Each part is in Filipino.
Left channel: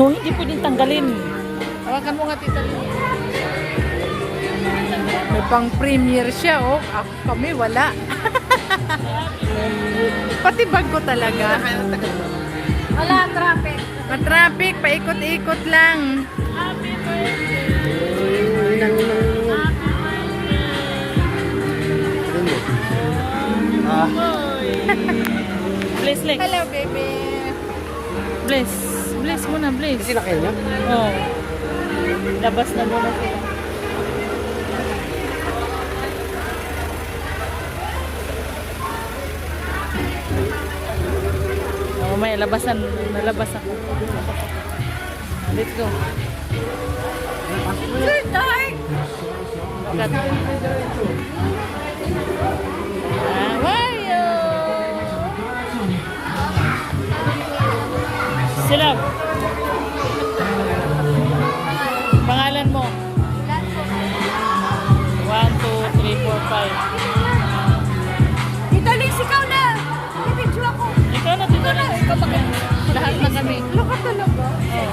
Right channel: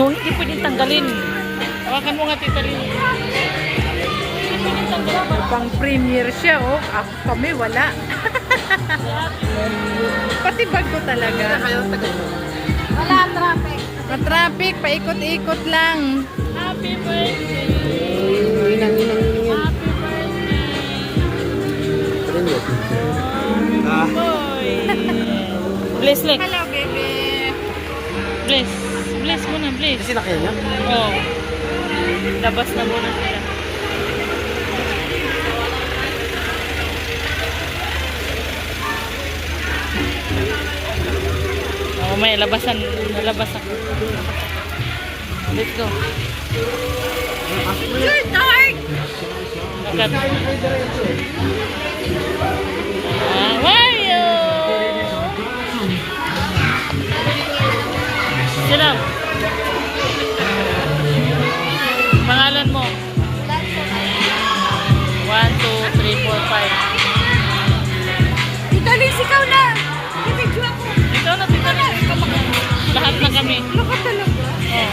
Yung hindi pwedeng tanggalin. Hawakan mo nga, Tita Lynn. May pang premiere siya, oh. Ako kami, wala. Pati bag ko talaga. Wala, traffic. Matraffic, paikot-ikot lang. Happy birthday! Inang. Boy! Bless, Lex. Hello, baby. Bless. Bless muna, bless. Sila kayo niya? Oo. Labas na muna sila. Mamaya, nalabas ako. Let's go. Sir, dark! Look at. Mario! Sila. Pangalan mo? 1, 2, 3, 4, 5. Ito, Liz, ikaw na. Ipidyo ako. Ito na, ito na. Lahat na kami. Luka talaga. Oh.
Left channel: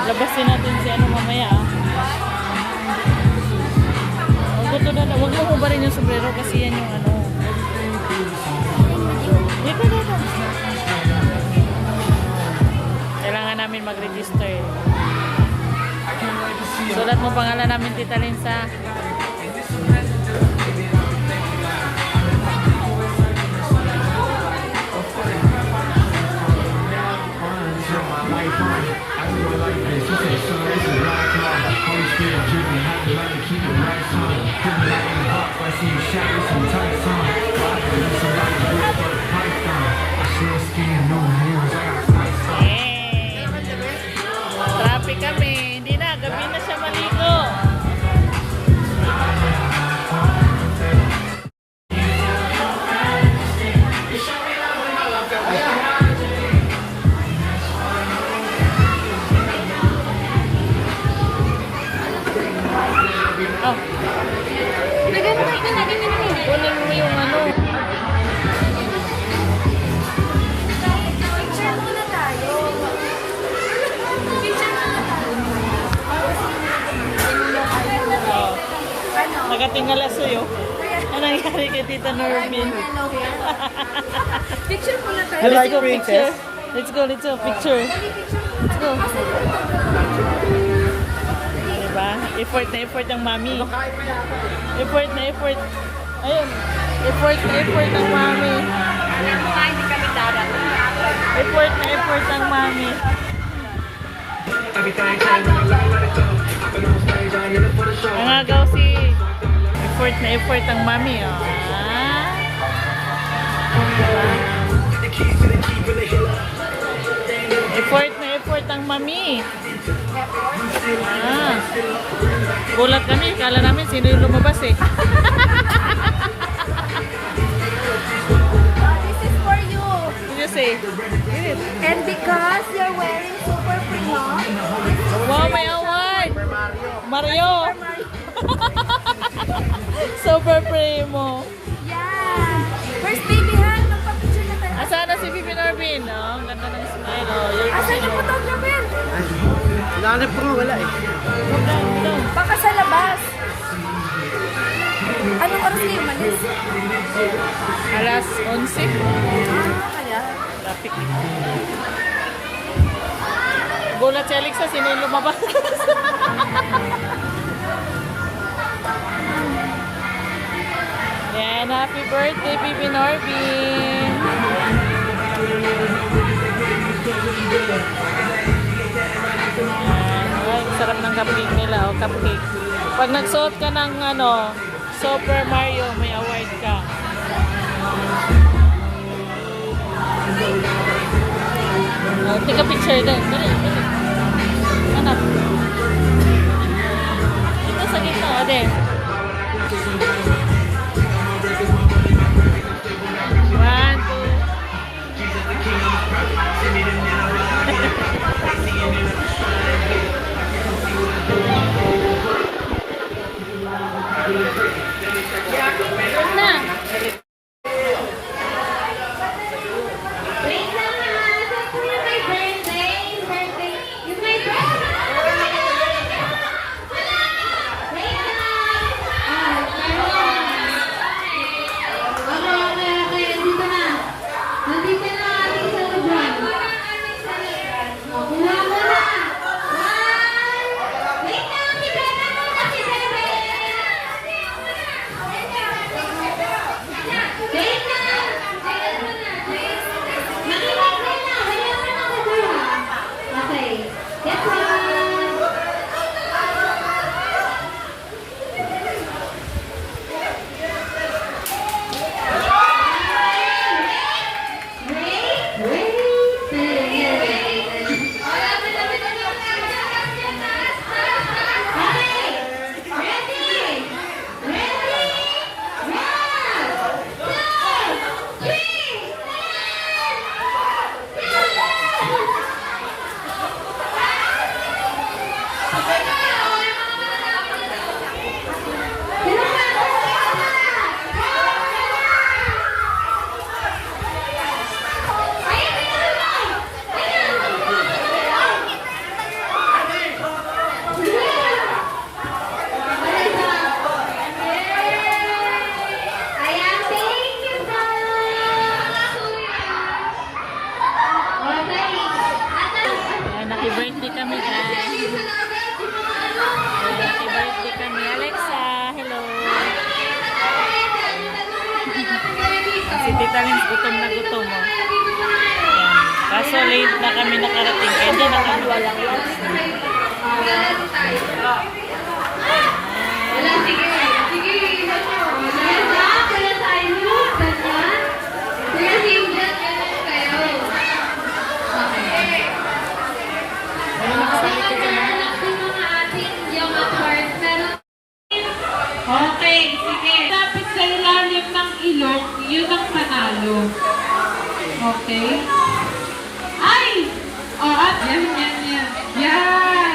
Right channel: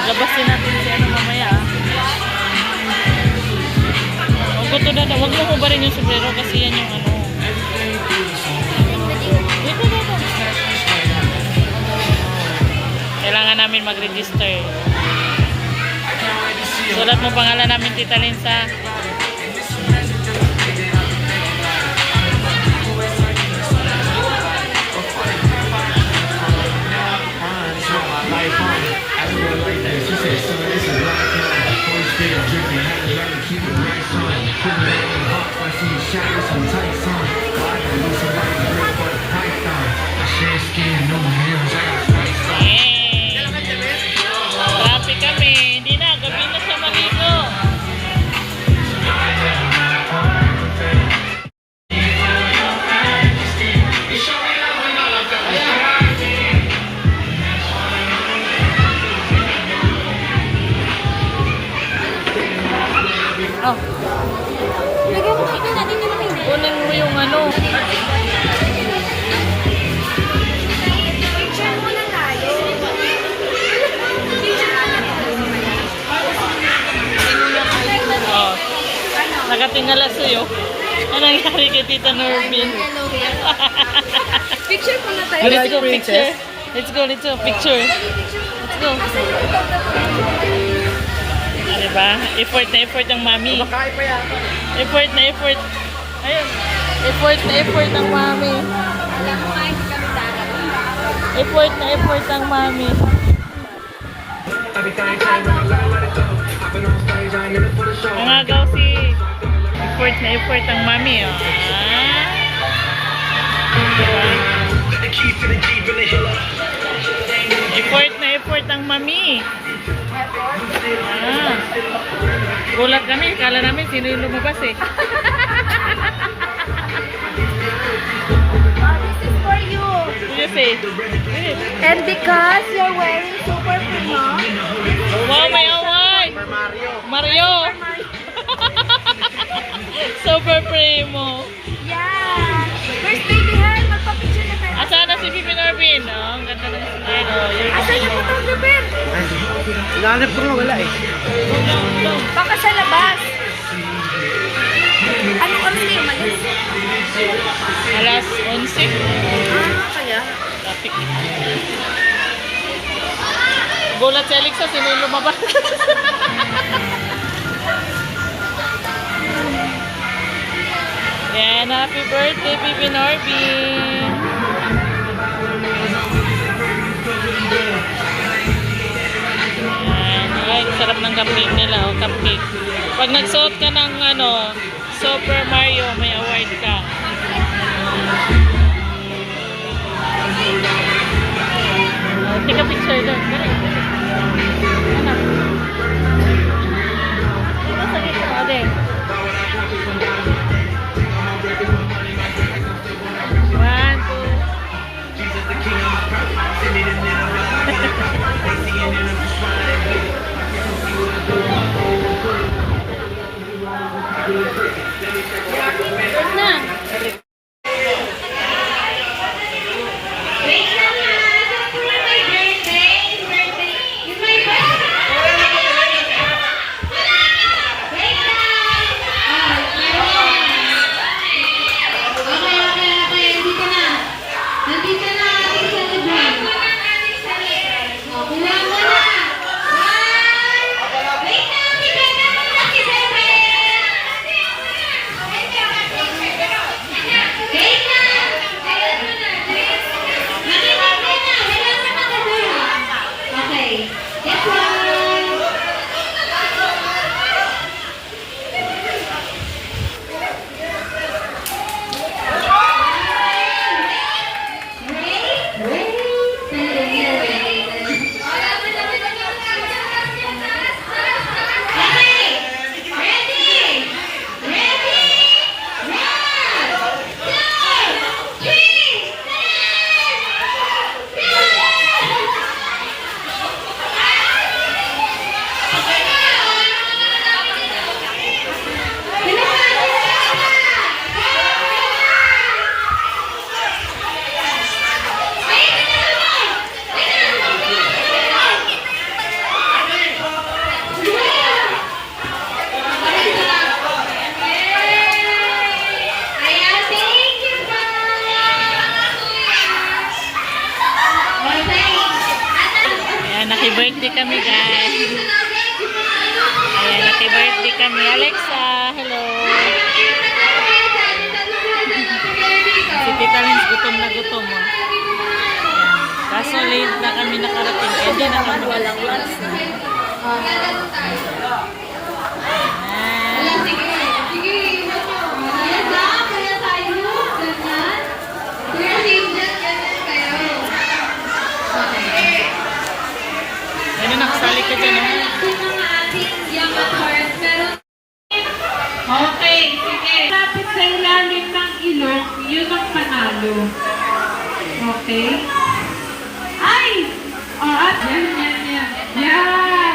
Labasin natin si ano mamaya ah. Huwag mo hubarin yung sombrero kasi yan yung ano. Dito. Kailangan namin mag-register. Sulat mo pangalan namin, Tita Linsa. Traffic kami. Hindi na. Gabi na siya maligo. Oh, Lagyan mo kayo natin yung namin. kunin mo yung ano. Picture muna tayo. Picture muna tayo. Oh, Ano? nakatingala sa'yo. Anong nangyari kay Tita Normin? Hello here. Picture muna tayo. Let's go, picture. Let's go. Picture. Picture muna Let's tayo. go. Asa yung photographer? Ano ba? Effort na effort ng mami. Effort na effort. Ayun. Effort ng mami. Alam mo ba, hindi kami darating. Effort na effort ng mami. Nangagaw si effort ng mami. Oh. Diba? Effort ang mami. Gulat kami. Kala namin sino yung lumabas eh. This is for you. What do you say? Good. And because you're wearing super primo, Wow, may award! Mario! Super primo. yeah. First baby hair, magpapicture na tayo. Asa na si Bibi Norvin? Oh, ang ganda ng smile. Oh, you're the Asa primo. yung photographer? Hinahanap ko wala eh. Baka sa labas. Ano oras na yung malis? Alas 11. Kaya? Traffic. Gulat si Alexa, sino yung lumabas? Yan, happy birthday, Bibi Norvin. Yan, ay, sarap ng cupcake nila, oh, cupcake. Pag nagsuot ka ng ano, Super Mario, may award ka. Take a picture doon. Hanap. Dito sa gitna, o de. 1, 2. Na. Happy birthday kami, guys. Ayan, happy birthday kami. Alexa, hello. Si Tita Lins, gutom na gutom, oh. Ayan. Kaso late na kami nakarating. Eh, hindi na kami. Walang lunch na. Ano, nakasali ka dyan, oh. Okay, sige. Lapit sa ilalim ng ilong, yun ang panalo. Okay? Ay! O, at yan. Yan!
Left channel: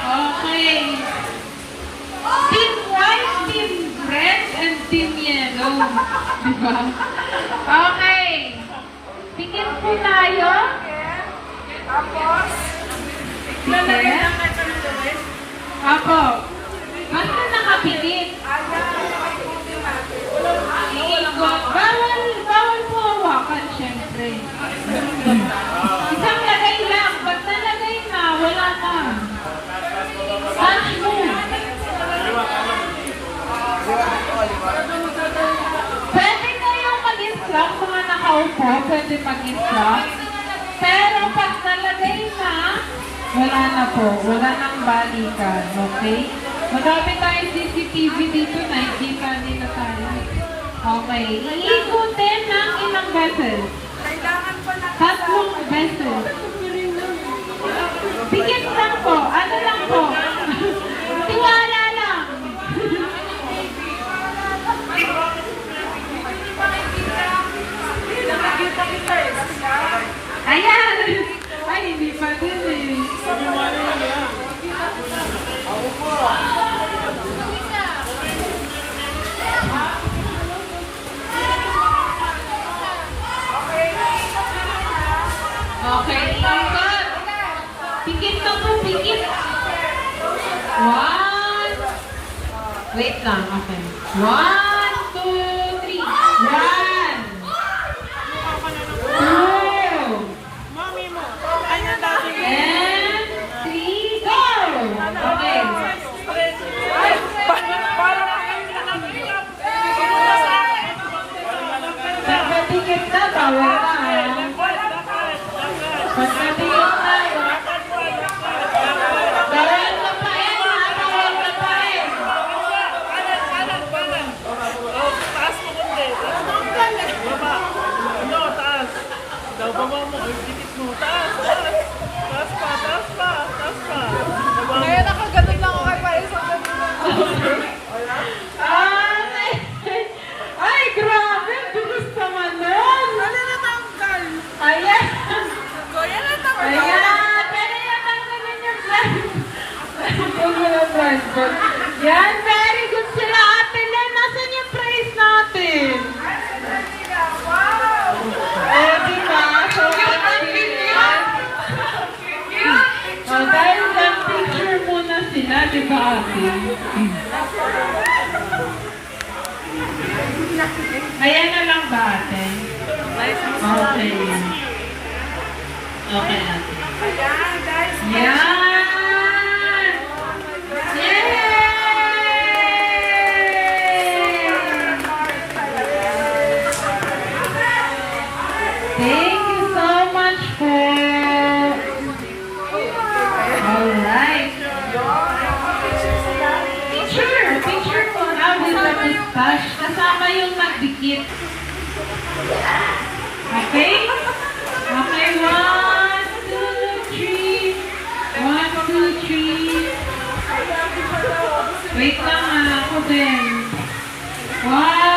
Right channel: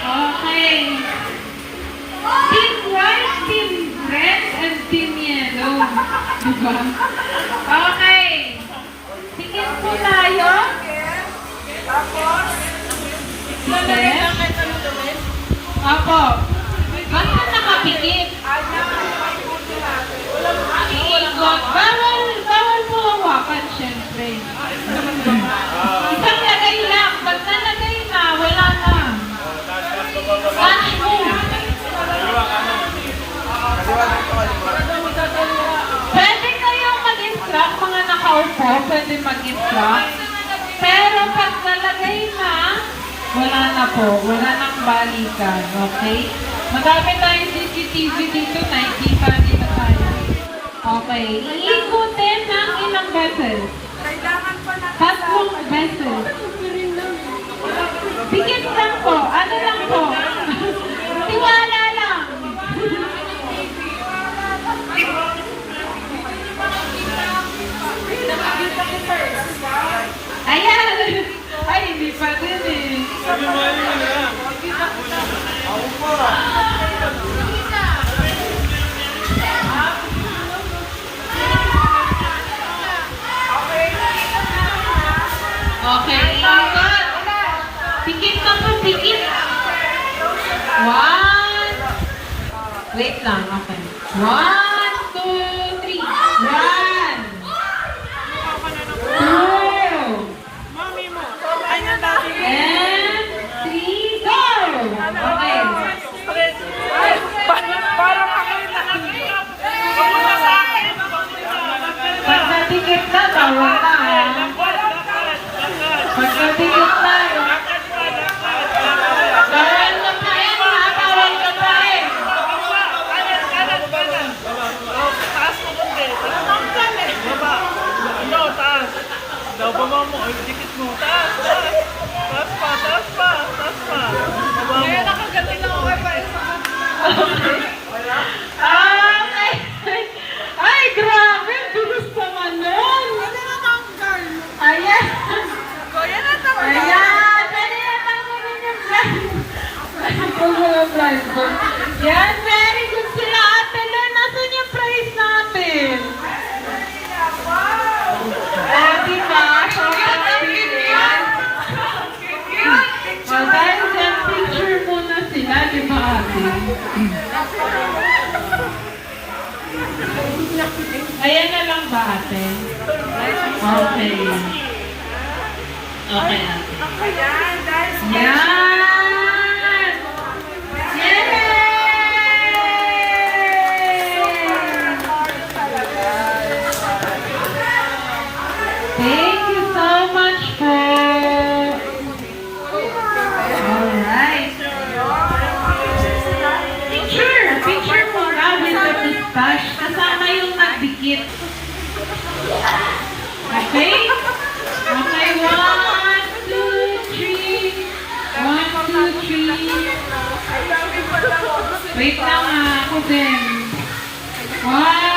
Okay. Team white, team red, and team yellow. Diba? Okay. Tingin po tayo. Lalagay lang kayo sa lugar? Apo. Bakit nakapikit? Iikot. Bawal mo hawakan, syempre. Isang lagay lang. Pag nalagay na, wala na. Cash mo. Pwede kayong mag-instruct, mga nakaupo, pwede mag-instruct. Pero pag nalagay na, wala na po. Wala nang balikan. Okay? Madami tayong CCTV dito. Nakikita nila tayo. Okay. Iikutin ng ilang beses. Tatlong beses. Pikit lang po. Ano lang po? Tiwala lang. Ayan! Ay, hindi pa din eh. Ako po. Okay, ikot. Pikit ka po, pikit. One. Wait lang, okay. 1, 2, 3. 1. 2. And 3, go! Okay. Pagkatikit na, bawal na ha. Pagkatikit na, bawal na pa eh, bawal na pa eh. Taas mo kundi. Baba. No, taas. Daw baba mo. Ay, dikit mo. Taas. Taas pa. Baba mo. Kaya nakagatin lang ako kay Ay, ay, grabe, bilis naman nun. Ayan. Ayan, dali na tanggalin yung blind ko. Yan, very good sila, Ate Len. Nasaan yung prize natin? Eh, di ba? So, oh, dahil lang picture muna sila, di ba, Ate? Ayan na lang ba, Ate? Okay. Okay, Ate. Yan! Thank you so much po. Alright. Picture muna with the mustache. Kasama yung nagdikit. Okay? Okay, 1, 2, 3. 1, 2, 3. Wait lang ako din. 1,